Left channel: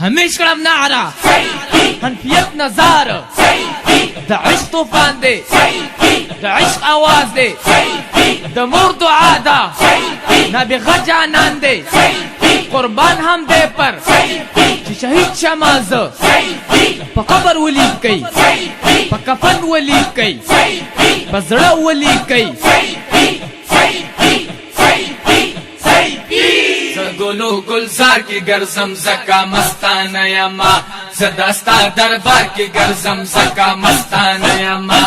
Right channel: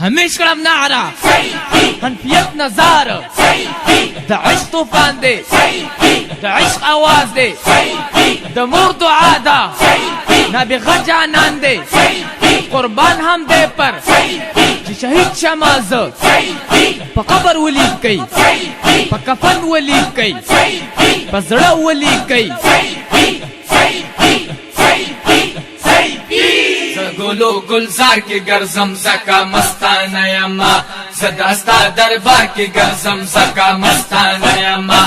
همیش کړم نعره حنفیت نظر د عشق طوفان دی د عشق آواز دی د مور دعا ده نابغه جانان دی قربان هم دی پر چې شهید شمازه په قبر ولید کوي په کفن ولید کوي په زړه ولید کوي گلو گلزار کی گرزم زکا مستانه یما صداستا دربار کی گرزم زکا مستانه یما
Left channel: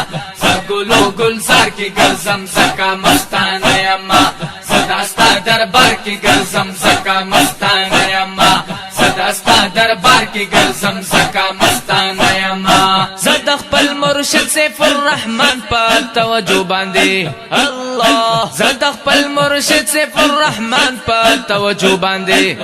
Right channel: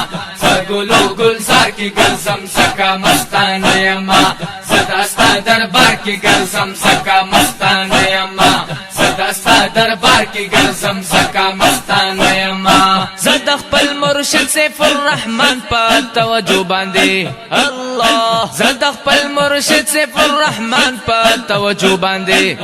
گلو گلزار کی گرزم زکا مستانه یما صداستا دربار کی گرزم زکا مستانه یما صداستا دربار کی گرزم زکا مستانه یما زد خپل مرشد سیف الرحمن پا توجه باندې الله زد خپل مرشد سیف الرحمن پا توجه باندې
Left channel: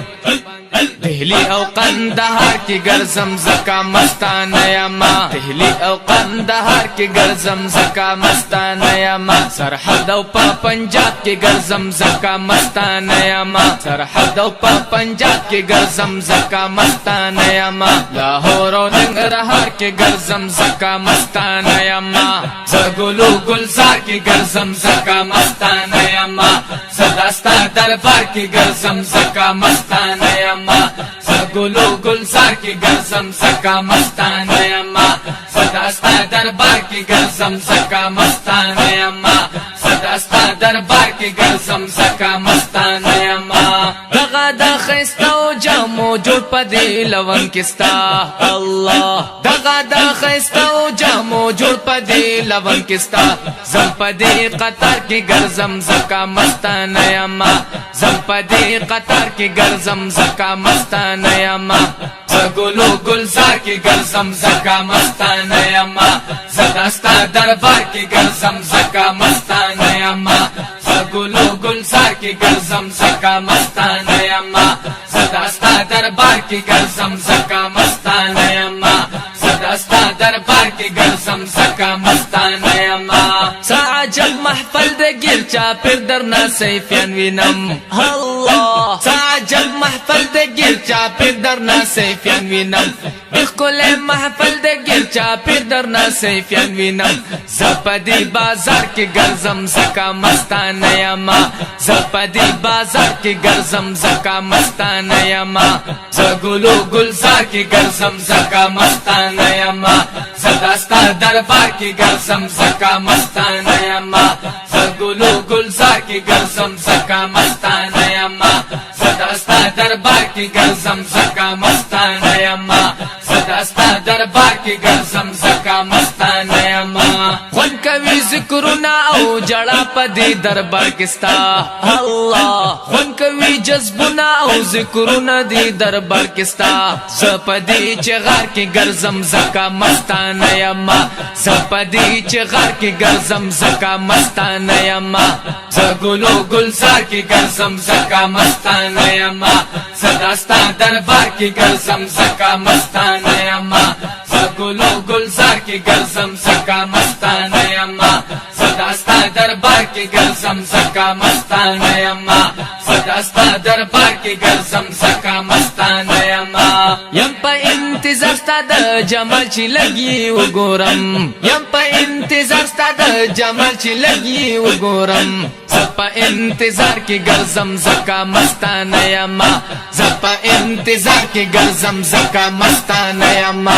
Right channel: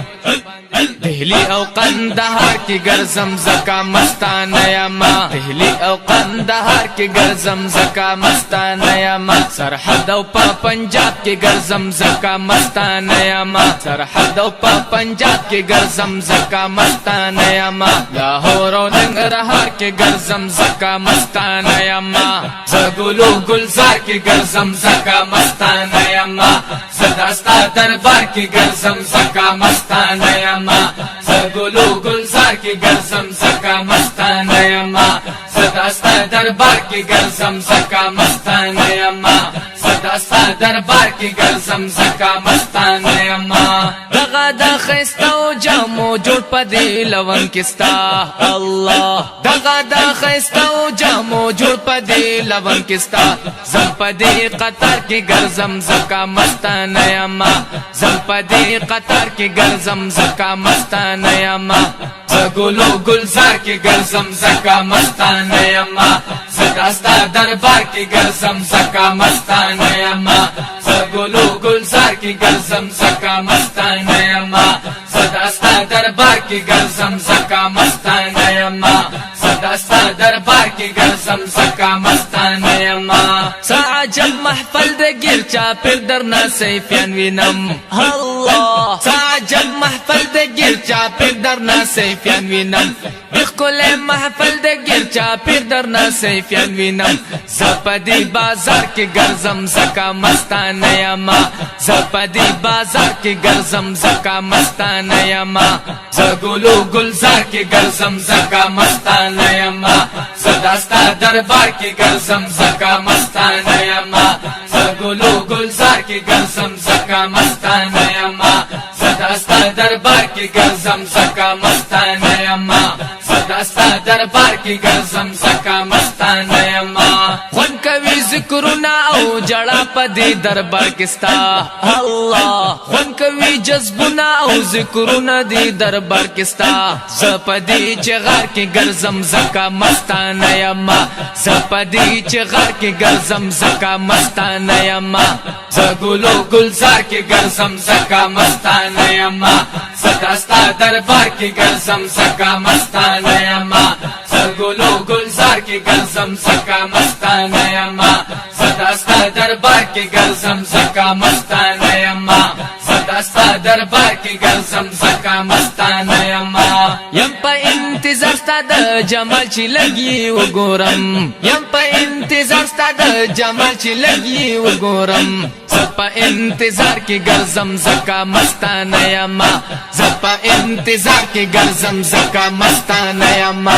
دهلی او قندهار کی گرزم زکا مستانه یما دهلی او قندهار کی گرزم زکا مستانه یما سرحد او پا پنجاب کی گرزم زکا مستانه یما سرحد او پا پنجاب کی گرزم زکا مستانه یما لاهور او ننګرهار کی گرزم زکا مستانه یما زګلو گلزار کی گرزم زکا مستانه یما صداستا دربار کی گرزم زکا مستانه یما زګلو گلزار کی گرزم زکا مستانه یما صداستا دربار کی گرزم زکا مستانه یما صداستا دربار کی گرزم زکا مستانه یما دغه د خيستو جامو جوړ پدې لون کستا الله دغه د خيستو جامو جوړ پدې لون کستا زم پدې قطر کې ګرزم زکا مستانه یما زم پدې قطر کې ګرزم زکا مستانه یما زګلو گلزار کی گرزم زکا مستانه یما صداستا دربار کی گرزم زکا مستانه یما زګلو گلزار کی گرزم زکا مستانه یما صداستا دربار کی گرزم زکا مستانه یما صداستا دربار کی گرزم زکا مستانه یما عجب محفل د گیر چا پر درنا سیفیان وینم الله عجب محفل د گیر چا پر درنا سیفیان وینم بخل محفل د گیر چا پر درنا سیفیان وینم زپدی بازار کی گرزم زکا مستانه یما زپدی بازار کی گرزم زکا مستانه یما زګلو گلزار کی گرزم زکا مستانه یما صداستا دربار کی گرزم زکا مستانه یما زګلو گلزار کی گرزم زکا مستانه یما صداستا دربار کی گرزم زکا مستانه یما صداستا دربار کی گرزم زکا مستانه یما خون کوي ذکرنا او جړه پدې دربار کستا الله خون کوي جذبنا او ذکرنا دې دربار کستا زپدې چغار کې ګرزم زکا مستانه یما زپدې چغار کې ګرزم زکا مستانه یما زګلو گلزار کی گرزم زکا مستانه یما صداستا دربار کی گرزم زکا مستانه یما زګلو گلزار کی گرزم زکا مستانه یما صداستا دربار کی گرزم زکا مستانه یما صداستا دربار کی گرزم زکا مستانه یما یم په انتظار ستا د جمال چې لګي وګورم یم په انتظار ستا د جمال چې لګي وګورم زپا انتظار کی گرزم زکا مستانه یما زپا انتظار کی گرزم زکا مستانه یما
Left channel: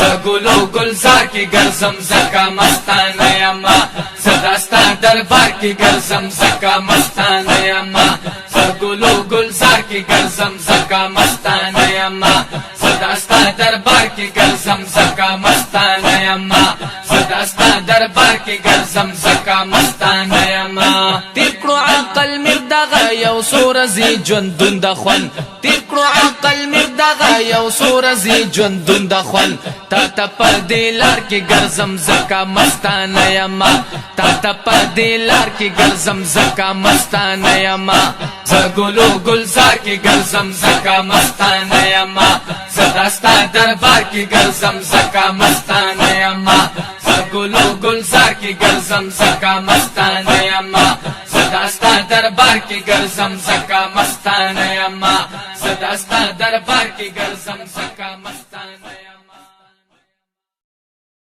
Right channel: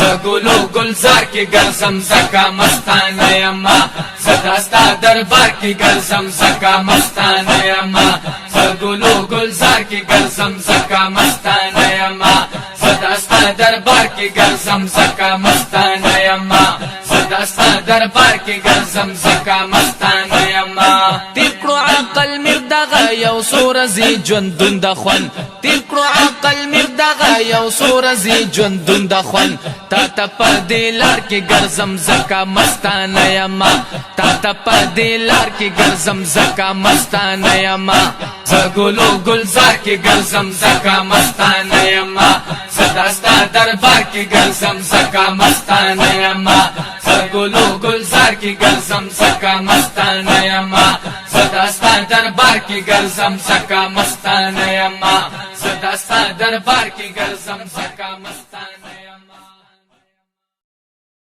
زګلو گلزار کی گرزم زکا مستانه یما صداستا دربار کی گرزم زکا مستانه یما زګلو گلزار کی گرزم زکا مستانه یما صداستا دربار کی گرزم زکا مستانه یما صداستا دربار کی گرزم زکا مستانه یما تیر کړو عقل مردغه یو سورزي ژوندون د خوان تیر کړو عقل مردغه یو سورزي ژوندون د خوان تا ته په دې لار کې ګرځم زکا مستانه یما تا ته په دې لار کې ګرځم زکا مستانه یما زګلو گلزار کی گرزم زکا مستانه یما صداستا دربار کی گرزم زکا مستانه یما زګلو گلزار کی گرزم زکا مستانه یما صداستا دربار کی گرزم زکا مستانه یما صدا صداستا دربار کې ګرځم زکا مستانه